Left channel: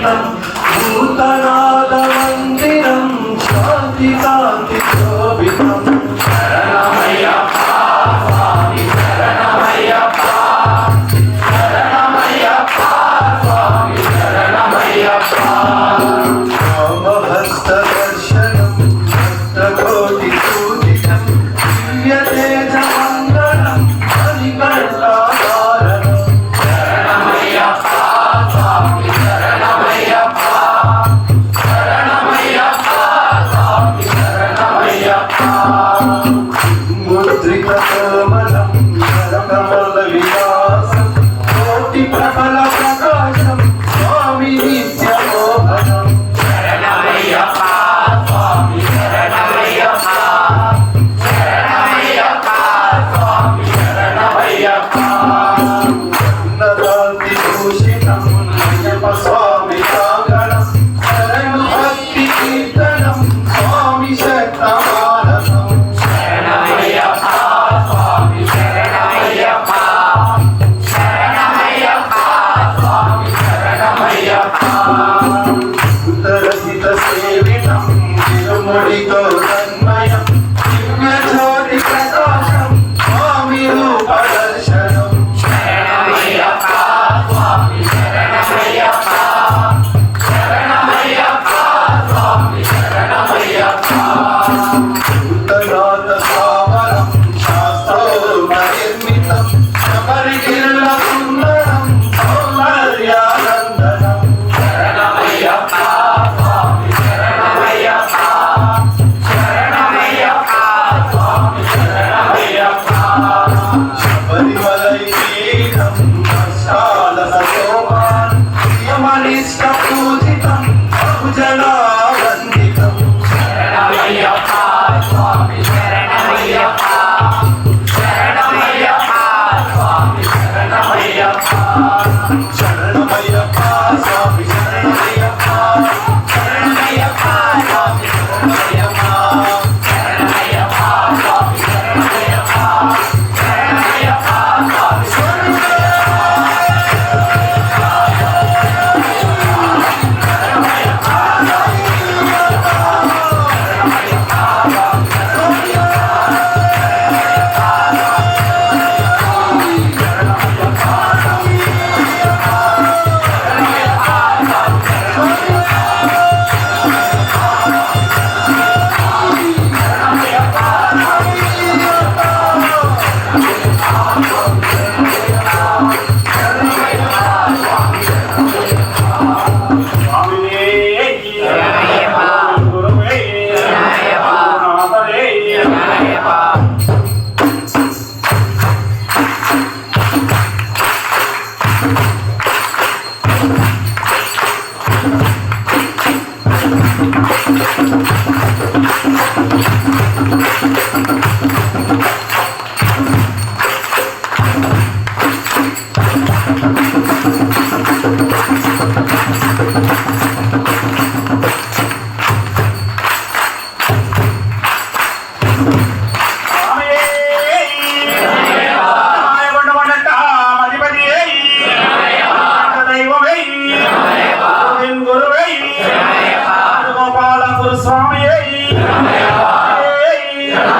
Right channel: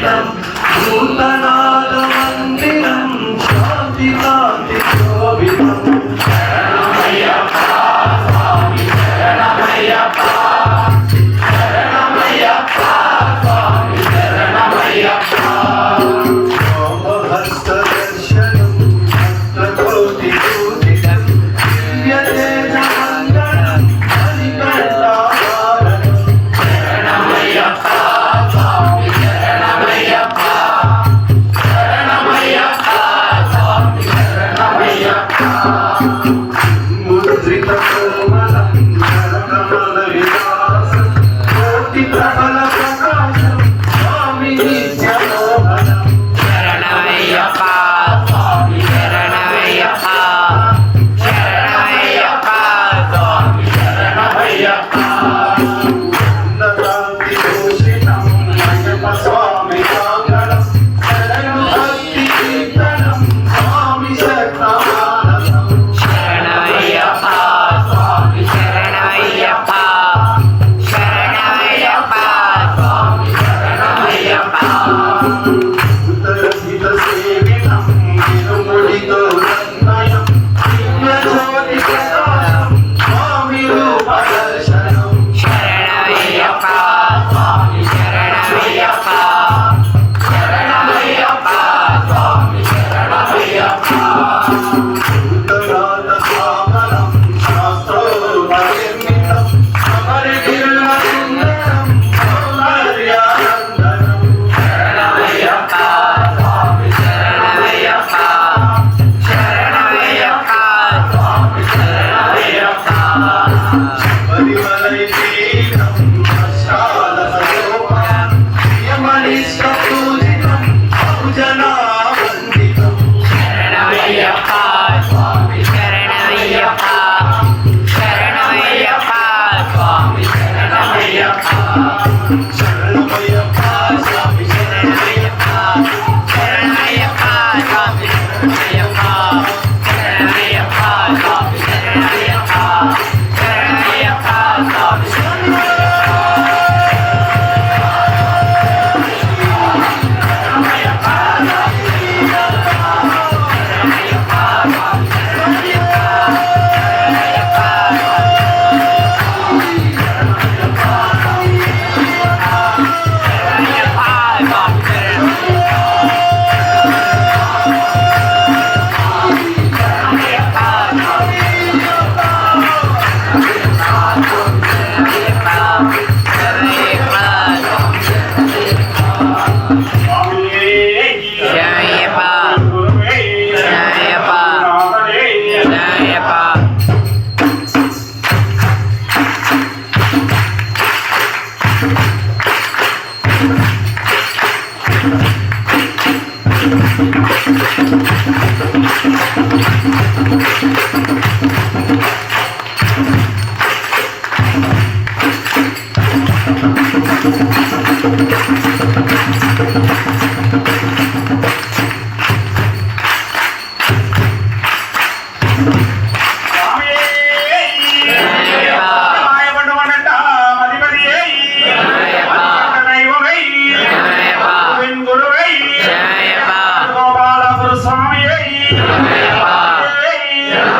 शोभितं भूतनादमन्दिरं शान्तिकान्ति शोभितं शरणमय्यप्पा स्वामी शरणमय्यप्पा शरणमय्यप्पा स्वामी शरणमय्यप्पा रामभक्तदर्शनं भक्तकोटिपूजितं दिव्यतेजमण्डलं मणिकण्ठाधारणं शरणमय्यप्पा स्वामी शरणमय्यप्पा शरणमय्यप्पा स्वामी शरणमय्यप्पा मुद्रितकोमलं करकमलविलासं कोटिप्रबलप्रकाशं स्वामी नित्यमोहनं शरणमय्यप्पा स्वामी शरणमय्यप्पा शरणमय्यप्पा स्वामी शरणमय्यप्पा ఉన్నకాంతిభూషితం అయ్యప్ప స్వామి కాంగళం శరణు భక్తి కీర్తనం స్వామి శరణమానసం శరణమయ్యప్ప స్వామి శరణమయ్యప్ప శరణమయ్యప్ప స్వామి శరణమయ్యప్ప